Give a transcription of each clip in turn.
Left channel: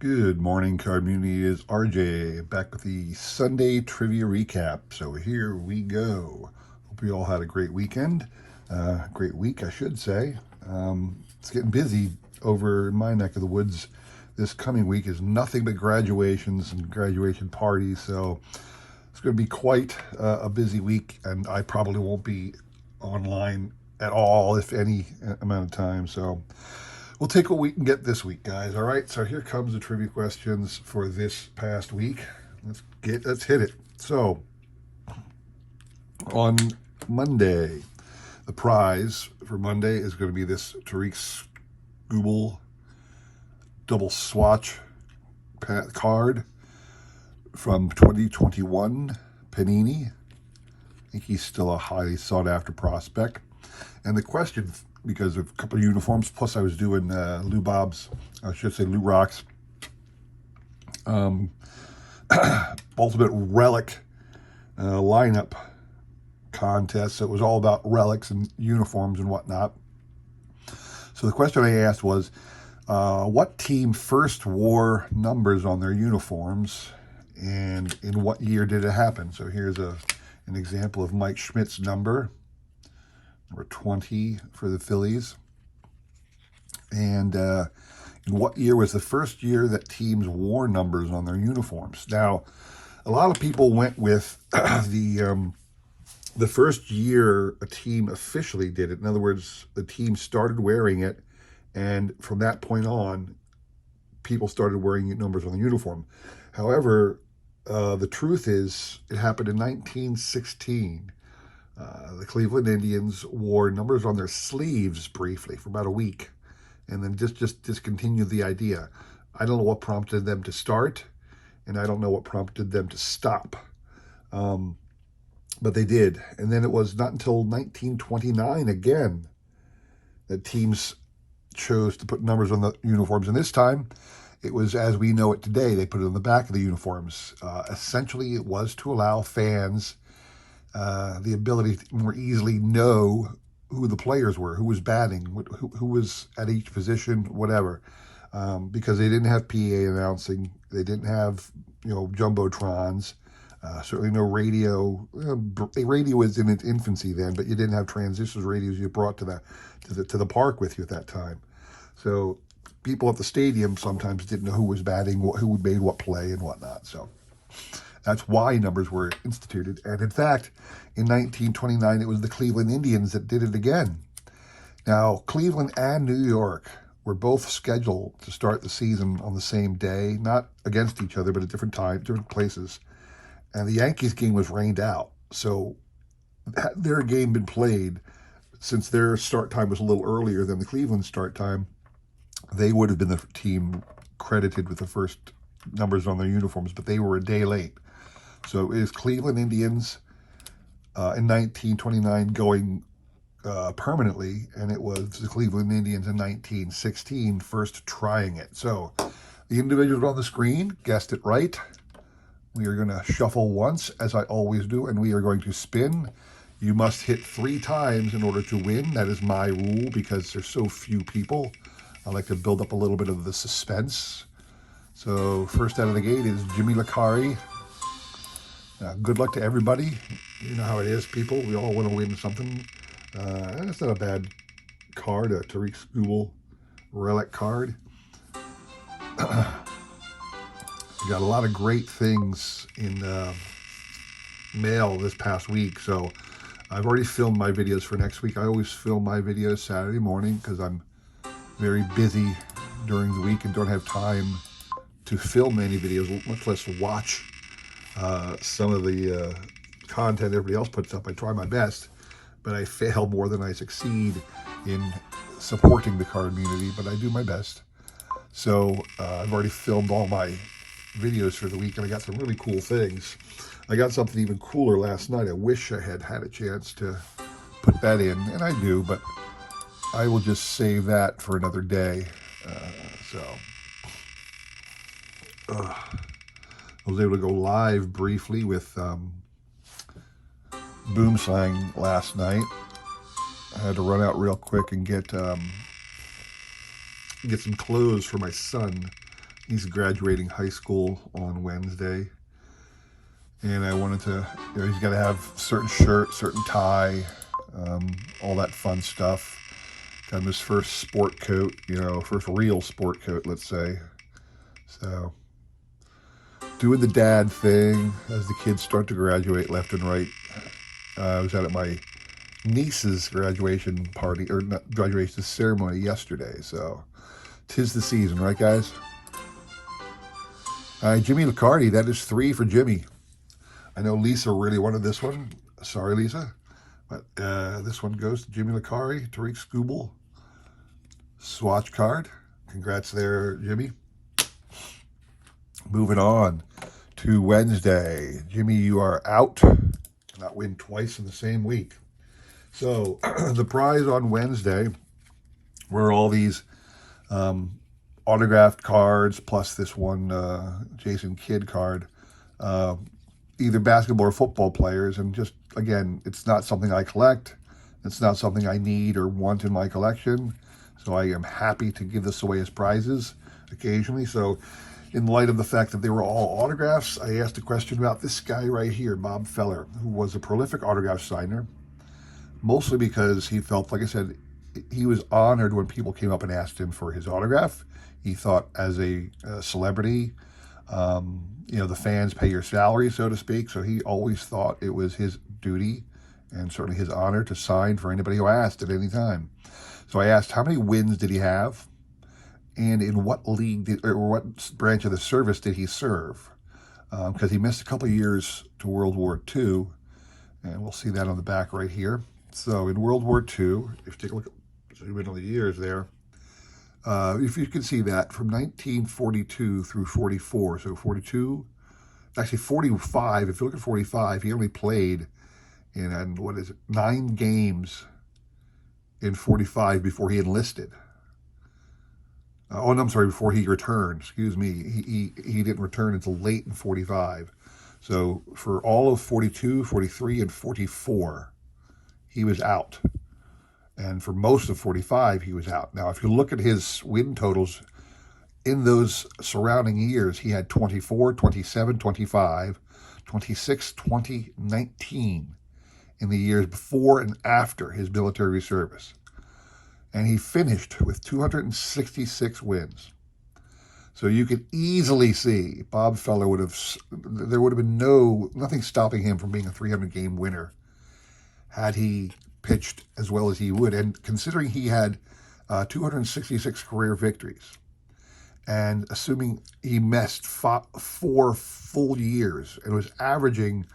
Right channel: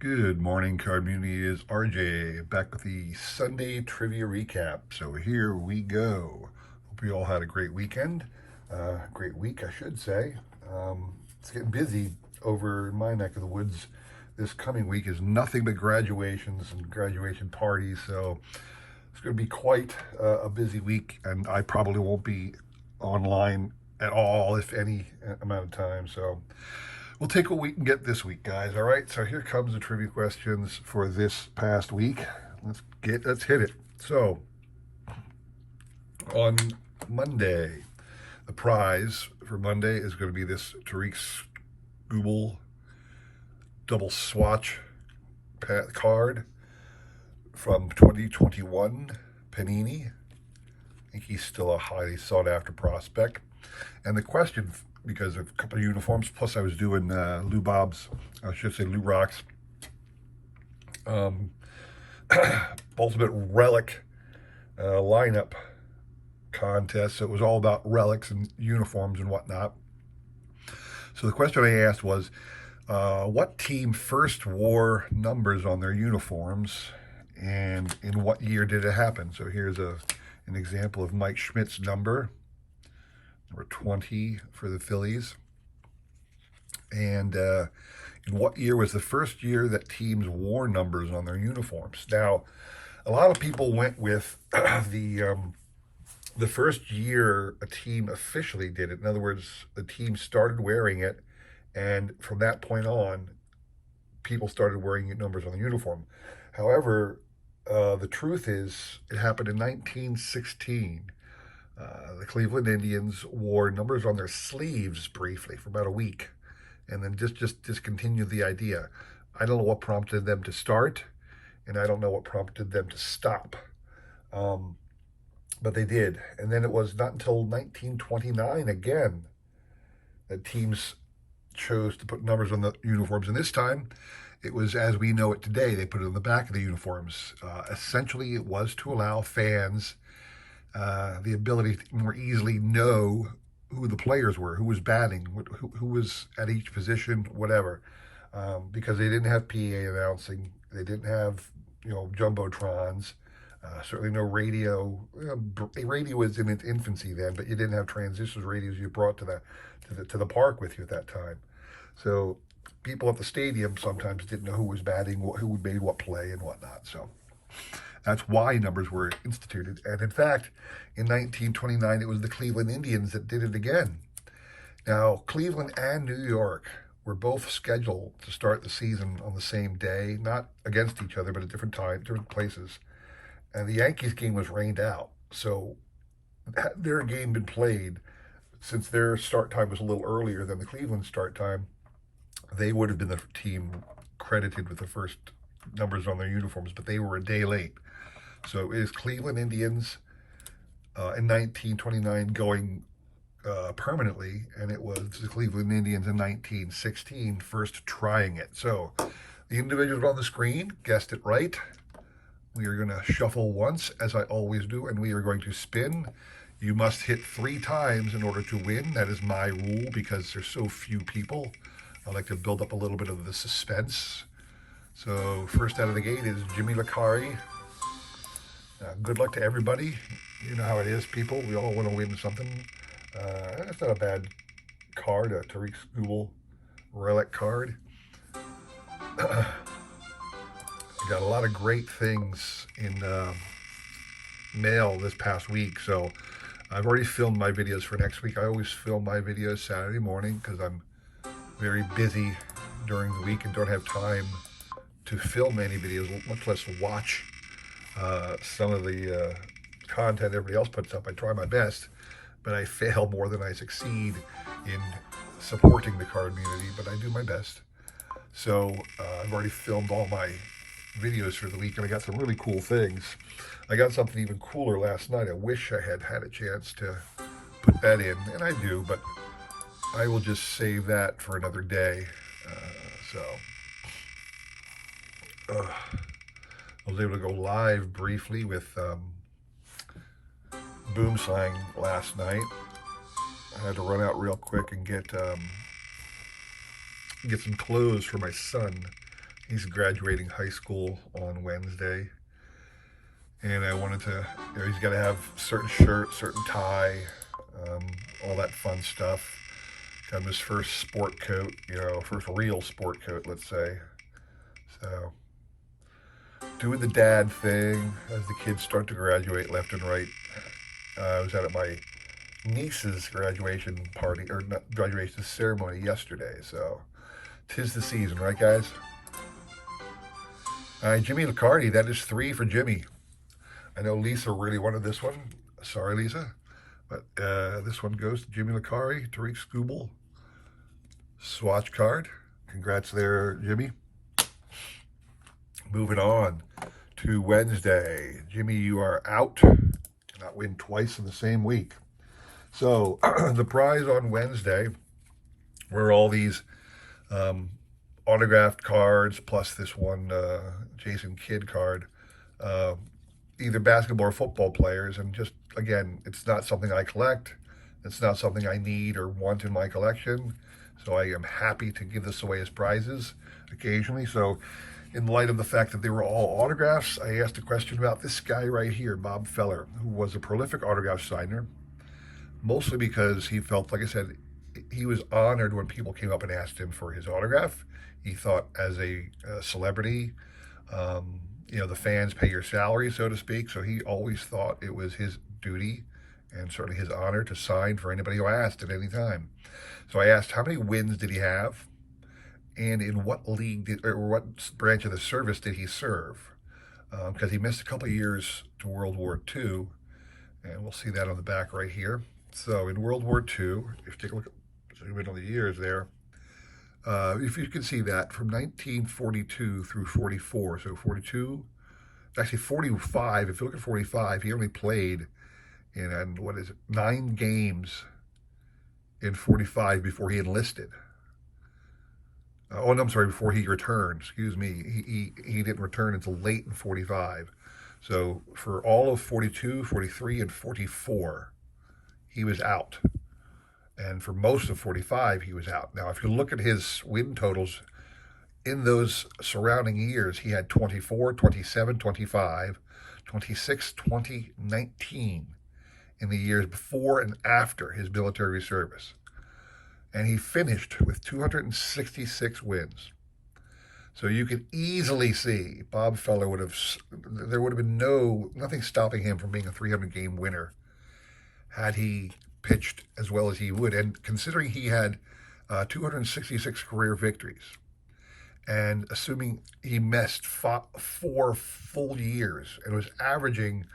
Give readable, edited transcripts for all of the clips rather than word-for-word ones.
Good morning, card community. It is RJ back with the Sunday trivia recap. So here we go. Hope you all had a great weekend. Great week, I should say. It's getting busy over in my neck of the woods. This coming week is nothing but graduations and graduation parties. So it's going to be quite a busy week, and I probably won't be online at all, if any amount of time. So we'll take what we can get this week, guys. All right. So here comes the trivia questions for this past week. Let's hit it. So on Monday, the prize for Monday is going to be this Tariq Skubal double swatch card from 2021 Panini. I think he's still a highly sought after prospect. And the question, because of a couple of uniforms, plus I was doing Lou Rock's Ultimate Relic lineup contest. So it was all about relics and uniforms and whatnot. So the question I asked was, what team first wore numbers on their uniforms, and in what year did it happen? So here's an example of Mike Schmidt's number 20 for the Phillies. And in what year was the first year that teams wore numbers on their uniforms? Now, a lot of people went with the first year a team officially did it. In other words, the team started wearing it, and from that point on, people started wearing numbers on the uniform. However, the truth is, it happened in 1916. The Cleveland Indians wore numbers on their sleeves briefly for about a week, and then just discontinued the idea. I don't know what prompted them to start, and I don't know what prompted them to stop. But they did. And then it was not until 1929 again that teams chose to put numbers on the uniforms. And this time, it was as we know it today. They put it on the back of the uniforms. Essentially, it was to allow fans the ability to more easily know who the players were, who was batting, who was at each position, whatever. Because they didn't have PA announcing, they didn't have jumbotrons, certainly no radio. Radio was in its infancy then, but you didn't have transistors radios you brought to the park with you at that time. So people at the stadium sometimes didn't know who was batting, who made what play, and whatnot. So that's why numbers were instituted. And in fact, in 1929, it was the Cleveland Indians that did it again. Now, Cleveland and New York were both scheduled to start the season on the same day, not against each other, but at different times, different places. And the Yankees game was rained out. So had their game been played, since their start time was a little earlier than the Cleveland start time, they would have been the team credited with the first numbers on their uniforms, but they were a day late. So it is Cleveland Indians in 1929 going permanently, and it was the Cleveland Indians in 1916 first trying it. So the individuals on the screen guessed it right. We are going to shuffle once, as I always do, and we are going to spin. You must hit 3 times in order to win. That is my rule, because there's so few people. I like to build up a little bit of the suspense. So first out of the gate is Jimmy Licari. Good luck to everybody. You know how it is, people. We all want to win something. That's not a bad card, a Tariq Skubal relic card. We got a lot of great things in mail this past week. So I've already filmed my videos for next week. I always film my videos Saturday morning because I'm very busy during the week and don't have time to film any videos, much less watch some of the content everybody else puts up. I try my best, but I fail more than I succeed in supporting the card community, but I do my best. So I've already filmed all my videos for the week, and I got some really cool things. I got something even cooler last night. I wish I had had a chance to put that in, and I do, but I will just save that for another day. I was able to go live briefly with Boomslang last night. I had to run out real quick and get some clothes for my son. He's graduating high school on Wednesday. And I wanted to, he's got to have certain shirt, certain tie, all that fun stuff. Got him his first sport coat, first real sport coat, let's say. So, doing the dad thing as the kids start to graduate left and right. I was out at my niece's graduation party, or not graduation ceremony yesterday, so 'tis the season, right, guys? Jimmy Liccardi, that is 3 for Jimmy. I know Lisa really wanted this one. Sorry, Lisa. But this one goes to Jimmy Liccardi, Tariq Skubal. Swatch card. Congrats there, Jimmy. Moving on to Wednesday. Jimmy, you are out. Cannot win twice in the same week. So the prize on Wednesday were all these autographed cards plus this one Jason Kidd card. Either basketball or football players. And just, again, it's not something I collect. It's not something I need or want in my collection. So I am happy to give this away as prizes occasionally. So in light of the fact that they were all autographs, I asked a question about this guy right here, Bob Feller, who was a prolific autograph signer, mostly because he felt, like I said, he was honored when people came up and asked him for his autograph. He thought as a celebrity, the fans pay your salary, so to speak. So he always thought it was his duty and certainly his honor to sign for anybody who asked at any time. So I asked, how many wins did he have? And in what league or what branch of the service did he serve? Because he missed a couple of years to World War II. And we'll see that on the back right here. So in World War II, if you take a look at, zoom in on the years there, if you can see that from 1942 through 44, so 42, actually 45, if you look at 45, he only played in, 9 games in 45 before he enlisted. Before he returned, excuse me. He didn't return until late in 45. So for all of 42, 43, and 44, he was out. And for most of 45, he was out. Now, if you look at his win totals in those surrounding years, he had 24, 27, 25, 26, 20, 19 in the years before and after his military service. And he finished with 266 wins. So you could easily see Bob Feller there would have been nothing stopping him from being a 300-game winner had he pitched as well as he would. And considering he had 266 career victories, and assuming he missed 4 full years and was averaging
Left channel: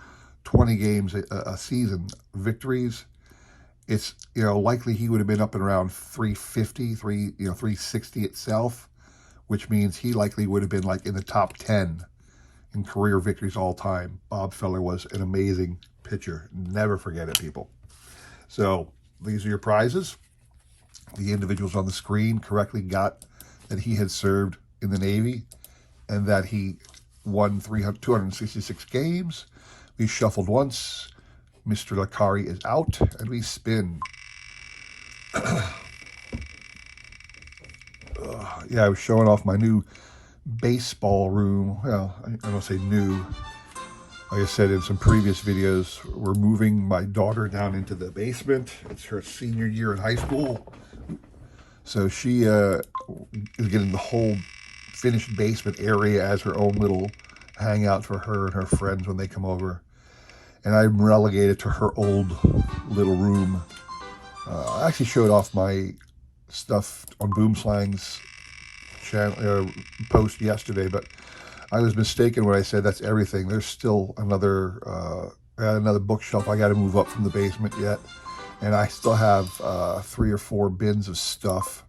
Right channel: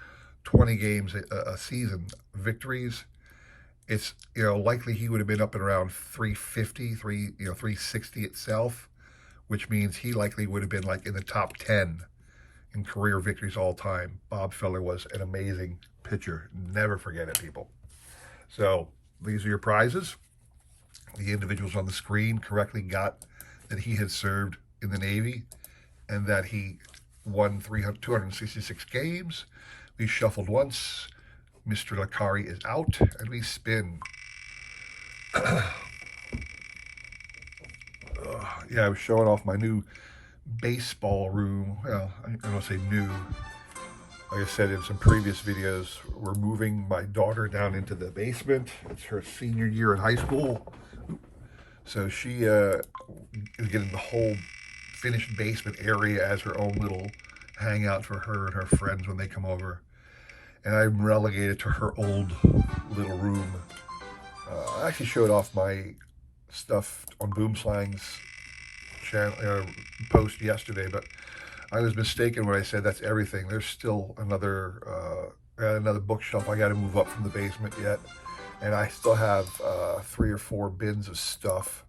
20 games a season victories, it's likely he would have been up and around 350, 360 itself, which means he likely would have been like in the top 10 in career victories all time. Bob Feller was an amazing pitcher. Never forget it, people. So these are your prizes. The individuals on the screen correctly got that he had served in the Navy and that he won 266 games. We shuffled once. Mr. Liccardi is out, and we spin. Yeah, I was showing off my new baseball room. Well, I don't say new. Like I said in some previous videos, we're moving my daughter down into the basement. It's her senior year in high school. So she is getting the whole finished basement area as her own little hangout for her and her friends when they come over. And I'm relegated to her old little room. I actually showed off my stuff on Boomslang's channel post yesterday, but I was mistaken when I said that's everything. There's still another bookshelf I got to move up from the basement yet, and I still have 3 or 4 bins of stuff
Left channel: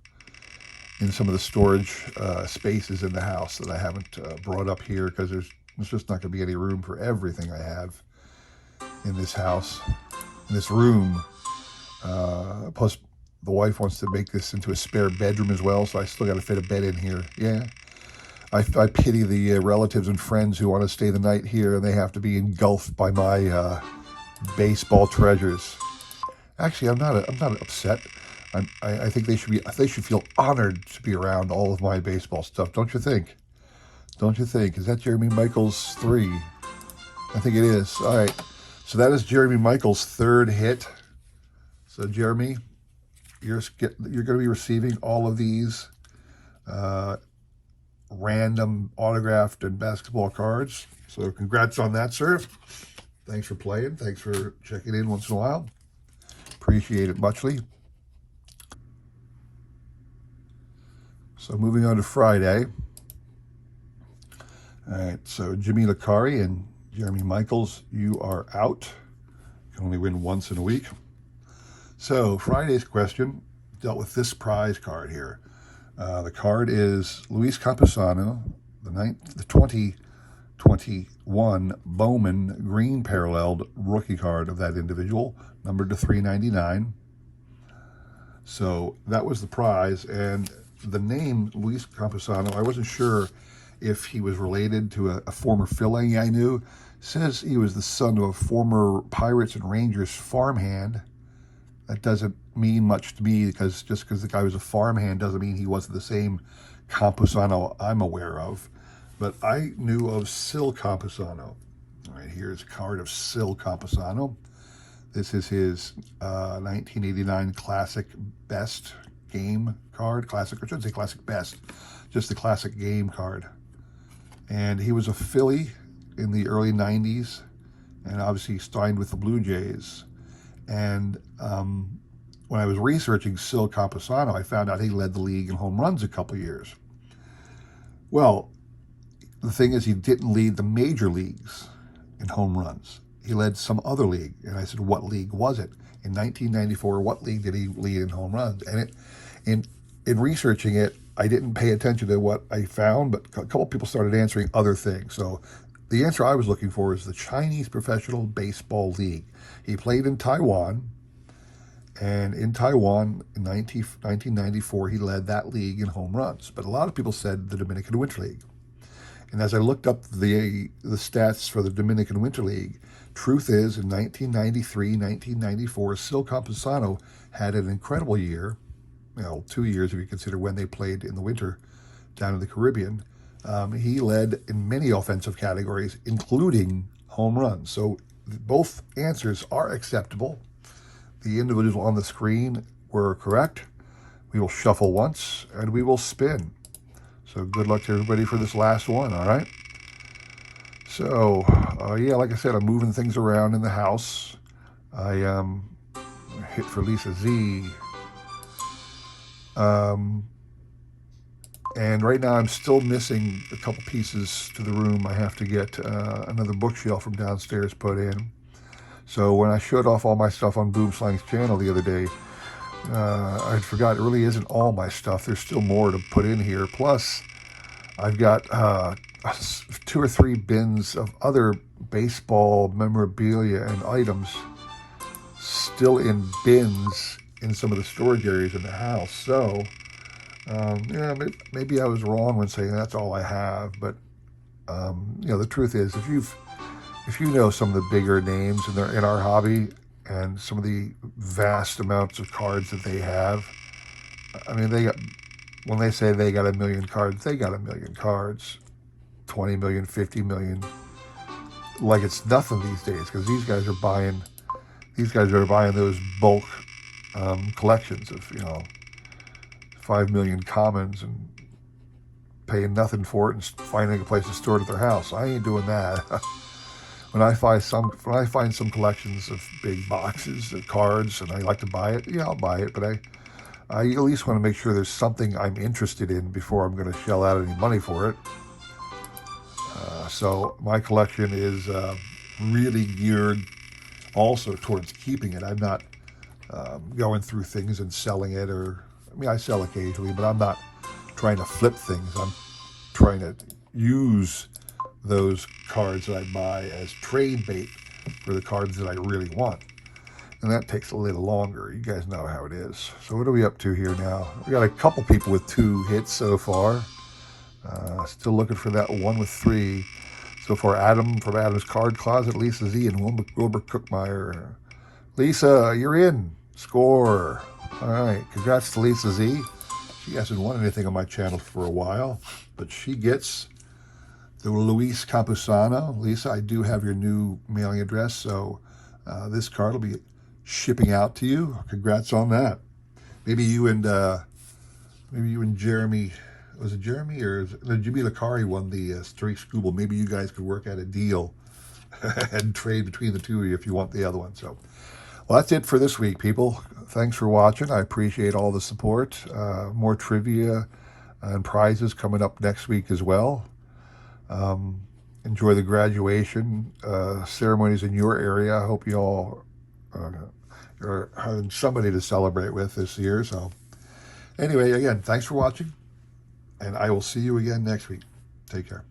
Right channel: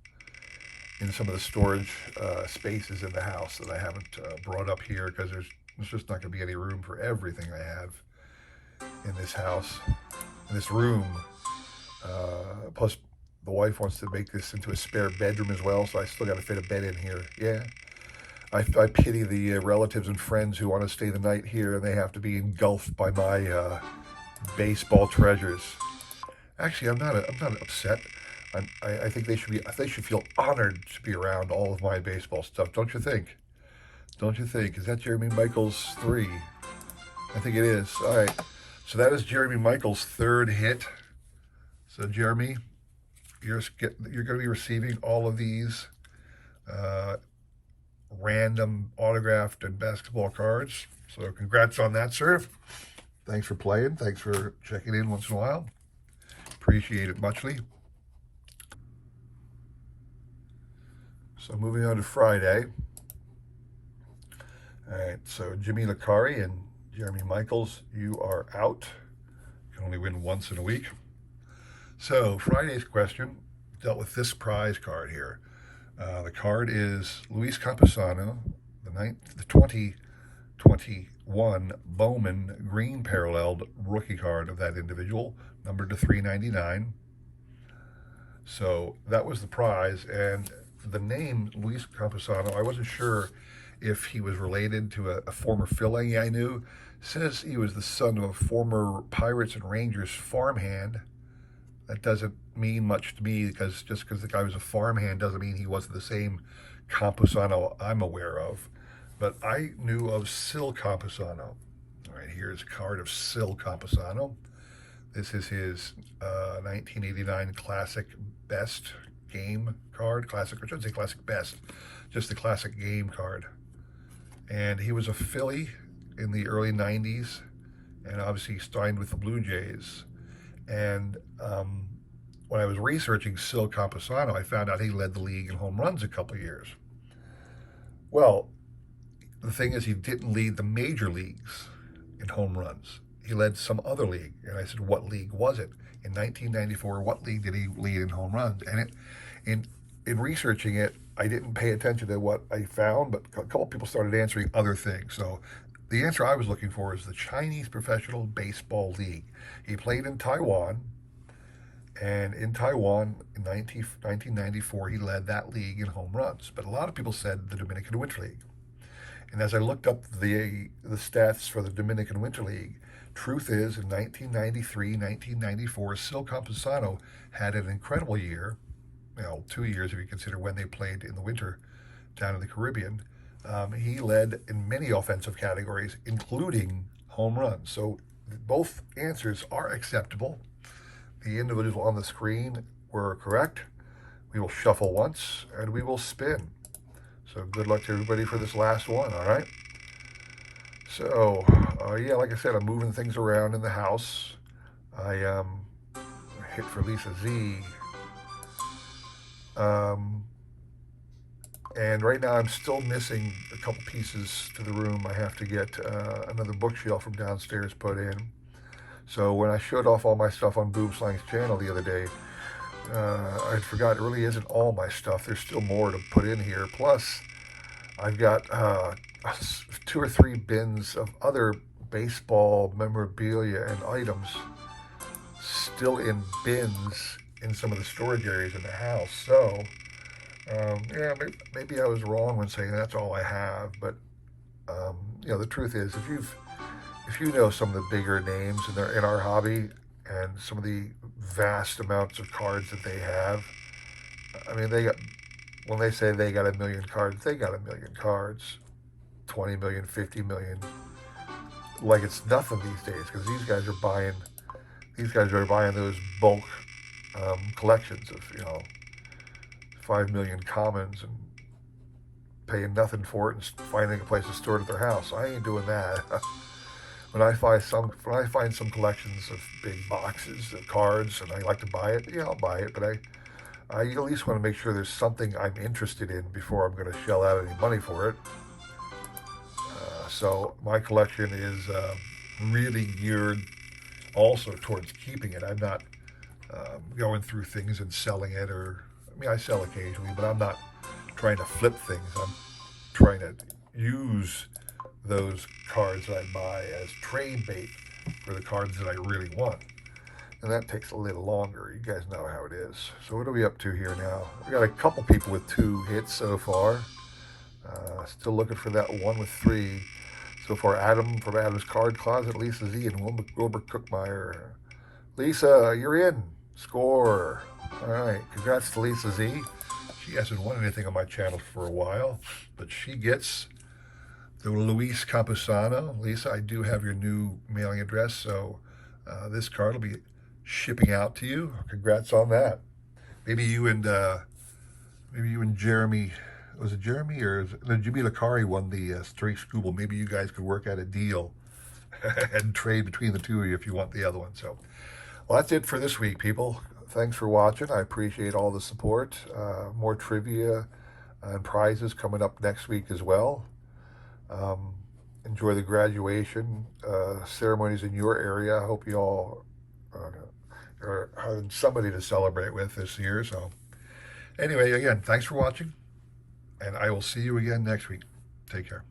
in some of the storage spaces in the house that I haven't brought up here because there's just not going to be any room for everything I have in this house, in this room. Plus, the wife wants to make this into a spare bedroom as well, so I still got to fit a bed in here. Yeah, I pity the relatives and friends who want to stay the night here, and they have to be engulfed by my baseball treasures. Actually, I'm not upset. I think they should feel honored to be around all of my baseball stuff. Don't you think? don't you think? Is that Jeremy Michaels' 3? I think it is. All right. So that is Jeremy Michaels' 3rd hit. So Jeremy, you're going to be receiving all of these random autographed and basketball cards. So congrats on that, sir. Thanks for playing. Thanks for checking in once in a while. Appreciate it muchly. So moving on to Friday. All right, so Jimmy Licari and Jeremy Michaels, you are out. You can only win once in a week. So Friday's question dealt with this prize card here. The card is Luis Campusano, the 2021 Bowman green paralleled rookie card of that individual, numbered to 399. So that was the prize, and the name Luis Campusano, I wasn't sure if he was related to a former Philly I knew. Says he was the son of a former Pirates and Rangers farmhand. That doesn't mean much to me, because just because the guy was a farmhand doesn't mean he wasn't the same Campusano I'm aware of. But I knew of Sil Campusano. All right, here's a card of Sil Campusano. This is his 1989 Classic Best game card. Classic, I shouldn't say Classic Best, just the Classic game card. And he was a Philly in the early 90s, and obviously signed with the Blue Jays. And when I was researching Sil Campusano, I found out he led the league in home runs a couple years. Well, the thing is, he didn't lead the major leagues in home runs. He led some other league. And I said, what league was it? In 1994, what league did he lead in home runs? And in researching it, I didn't pay attention to what I found, but a couple people started answering other things. So the answer I was looking for is the Chinese Professional Baseball League. He played in Taiwan, and in Taiwan in 1994, he led that league in home runs. But a lot of people said the Dominican Winter League. And as I looked up the stats for the Dominican Winter League, truth is, in 1993, 1994, Sil Campusano had an incredible year. 2 years if you consider when they played in the winter down in the Caribbean. He led in many offensive categories, including home runs. So both answers are acceptable. The individuals on the screen were correct. We will shuffle once, and we will spin. So good luck to everybody for this last one, all right? So, yeah, like I said, I'm moving things around in the house. I hit for Lisa Z. And right now I'm still missing a couple pieces to the room. I have to get another bookshelf from downstairs put in. So when I showed off all my stuff on Boomslang's channel the other day, I forgot it really isn't all my stuff. There's still more to put in here. Plus, I've got 2 or 3 bins of other baseball memorabilia and items still in bins in some of the storage areas in the house. So, yeah, maybe I was wrong when saying that's all I have. But the truth is, if you know some of the bigger names in our hobby and some of the vast amounts of cards that they have, I mean, when they say they got 1 million cards, they got 1 million cards, 20 million, 50 million, like it's nothing these days, because these guys are buying those bulk collections of 5 million commons and paying nothing for it and finding a place to store it at their house. I ain't doing that. When I find some collections of big boxes of cards and I like to buy it, I'll buy it. But I at least want to make sure there's something I'm interested in before I'm going to shell out any money for it. So my collection is really geared also towards keeping it. I'm not going through things and selling it, I sell occasionally, but I'm not trying to flip things. I'm trying to use those cards that I buy as trade bait for the cards that I really want. And that takes a little longer. You guys know how it is. So what are we up to here now? We got a couple people with 2 hits so far. Still looking for that one with 3. So far, Adam from Adam's Card Closet, Lisa Z, and Wilbur Cookmeyer. Lisa, you're in. Score. All right. Congrats to Lisa Z. She hasn't won anything on my channel for a while, but she gets to Luis Campusano. Lisa, I do have your new mailing address, so this card will be shipping out to you. Congrats on that. Maybe you and Jeremy, was it Jeremy or no, Jimmy Lakari won the Streak Scooble. Maybe you guys could work out a deal and trade between the two of you if you want the other one. So, well, that's it for this week, people. Thanks for watching. I appreciate all the support. More trivia and prizes coming up next week as well. Enjoy the graduation ceremonies in your area. I hope you all are having somebody to celebrate with this year. So anyway, again, thanks for watching, and I will see you again next week. Take care.